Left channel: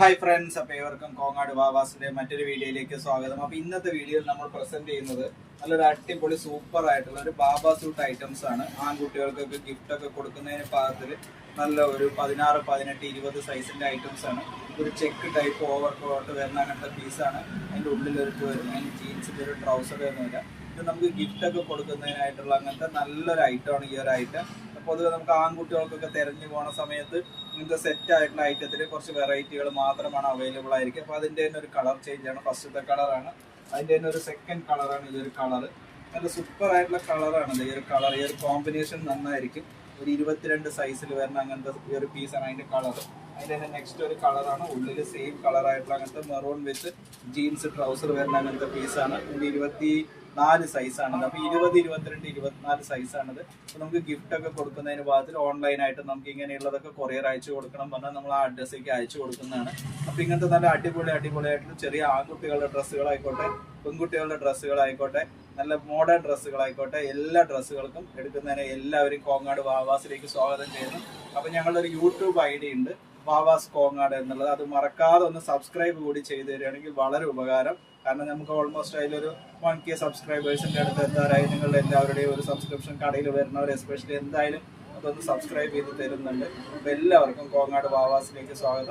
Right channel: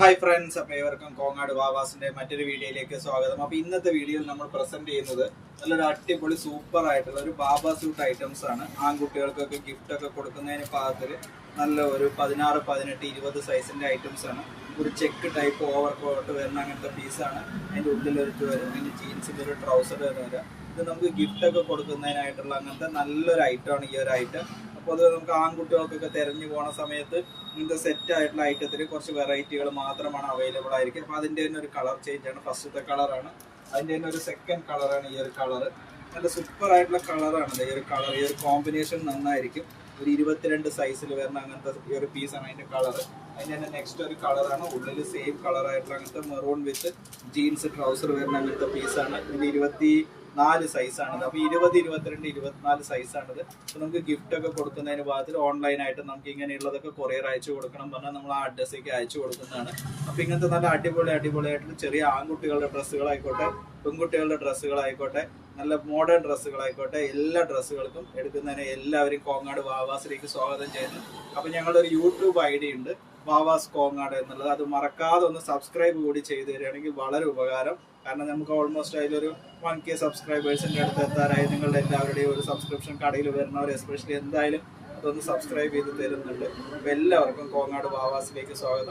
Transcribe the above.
Hi friends, അപ്പോൾ ഏവർക്കും കോങ്ങാട് വാവാസിന്റെ മറ്റൊരു വീഡിയോയിലേക്ക് സ്വാഗതം. അപ്പോൾ ഇന്നത്തെ വീഡിയോയിൽ നമ്മൾ പ്രസന്റ് ചെയ്യുന്നത് നല്ലൊരു അടിപൊളി സൂപ്പർ ആയിട്ടുള്ള ഒരു ബാബ സൂട്ട് ഐറ്റംസ് ആണ്. ആൺകുട്ടികൾക്കൊക്കെ ഗിഫ്റ്റ് ഒക്കെ കൊടുക്കുന്നതിന് പാകത്തിൽ നല്ല ഒരു 16, 18, 20 സൈസിന്റെ ഐറ്റംസ് ആണ്. ഒരു ചെക്ക് ടൈപ്പ് ഓവർ കോട്ട് വരുന്ന അങ്ങനത്തെ പീസാണ്. അതിൻ്റെ ഉള്ളിലൊരു വരും, അതിന് ജീൻസിന്റെ ഒരു ട്രൗസർ വരുന്നില്ല. ഇത് നമുക്ക് ഗിഫ്റ്റ് ഒക്കെ കൊടുക്കുന്നതിനായിട്ടുള്ള അങ്ങനത്തെ നല്ലൊരു ഐറ്റമാണ് ഈ ഒരു ഐറ്റം. പൊതുവെ നമുക്ക് ആൺകുട്ടികൾക്കൊക്കെ തിരഞ്ഞു പോണ സമയത്ത് ഇങ്ങനത്തെ സെറ്റ് ആയിട്ടുള്ള ഐറ്റത്തിൽ കുറച്ച് വെറൈറ്റികൾ മാത്രമാണ് അവൈലബിൾ ആയിരിക്കും. അപ്പോൾ അതിൻ്റെ തന്നെ ഒരു കളർ ചേഞ്ച് ആണ്. ഫസ്റ്റത്തെ കളറാണ്, അതിൻ്റെ തന്നെ ഒരു സെക്കൻഡ് കളറാണ് ഈ ഒരു കളർ. നല്ല സൂപ്പർ ആയിട്ടുള്ള കളറാണ് ഈ ഒരു കളർ. ഈ ഒരു കോമ്പിനേഷൻ നന്നായിരിക്കും. ഒരു 22 സൈസിൽ വരുന്ന അങ്ങനത്തെ ഈ ഒരു പീസാണ് അതിൻ്റെ കളർ. അതിൻ്റെ തന്നെ നെക്സ്റ്റ് ഒരു കളറാണ്, ഉള്ളിൽ സെയിം കളറായിട്ടുള്ള അങ്ങനത്തെ മെറൂൺ വിത്ത് ജീൻസ് ട്രൗസർ വരുന്ന അങ്ങനത്തെ പീസാണ്. ഇതിൻ്റെ 24 സൈസാണിത്. അപ്പോൾ 20, 22, 24 സൈസാണിത്. അപ്പോൾ നമുക്ക് ഗിഫ്റ്റ് ഒക്കെ കൊടുക്കുന്നതിന് ഭാഗത്തിൽ ഓൺലൈനായിട്ട് നമുക്ക് ഇങ്ങനെയുള്ളതൊക്കെ കൊറിയർ അയച്ചു കൊടുക്കണം പറഞ്ഞാൽ നമ്മൾ ആ അഡ്രസ്സിലേക്ക് അയച്ചു കൊടുക്കുന്നതാണ്. അപ്പോൾ ഇങ്ങനത്തെ നല്ല അടിപൊളിയായിട്ടുള്ള ചെറിയ ആൺകുട്ടികളുടെ ഡ്രസ്സുകളായിക്കോട്ടെ, പെൺകുട്ടികളുടെ ഡ്രസ്സുകളായിക്കോട്ടെ, നല്ല മോഡേൺ ഡ്രസ്സുകളായിക്കോട്ടെ, എല്ലാ ഡ്രസ്സുകൾക്കും എടുക്കുന്നതിന് എല്ലാവരും കോങ്ങാട് വാവാസിലേക്ക് സ്വാഗതം ചെയ്യുന്നു. അപ്പോൾ ഞങ്ങളുടെ ഒരു യൂട്യൂബ് ID ഉണ്ട്, വാവാസ് കോങ്ങാട് എന്നുള്ളത്. അത് മറക്കാതെ ഒന്ന് സബ്സ്ക്രൈബ് കൂടി ചെയ്ത് തരികയാണെങ്കിൽ വളരെ ഉപകാരം. കാരണം നമുക്ക് ഓൾമോസ്റ്റ് അതിലൊരു 1K സബ്സ്ക്രൈബേഴ്സിൻ്റെ അടുത്ത് എത്താറായി. നിങ്ങളുടെ എല്ലാവരുടെയും ഒരു സബ്സ്ക്രിപ്ഷൻ കടയിൽ വരുന്നവർ എസ്പെഷ്യലി എന്തായാലും അതൊന്ന് സബ്സ്ക്രൈബ് ചെയ്ത് തരുന്നുണ്ട്. അപ്പോൾ എല്ലാവർക്കും കോങ്ങാട് വാവാസിലേക്ക് സ്വാഗതം.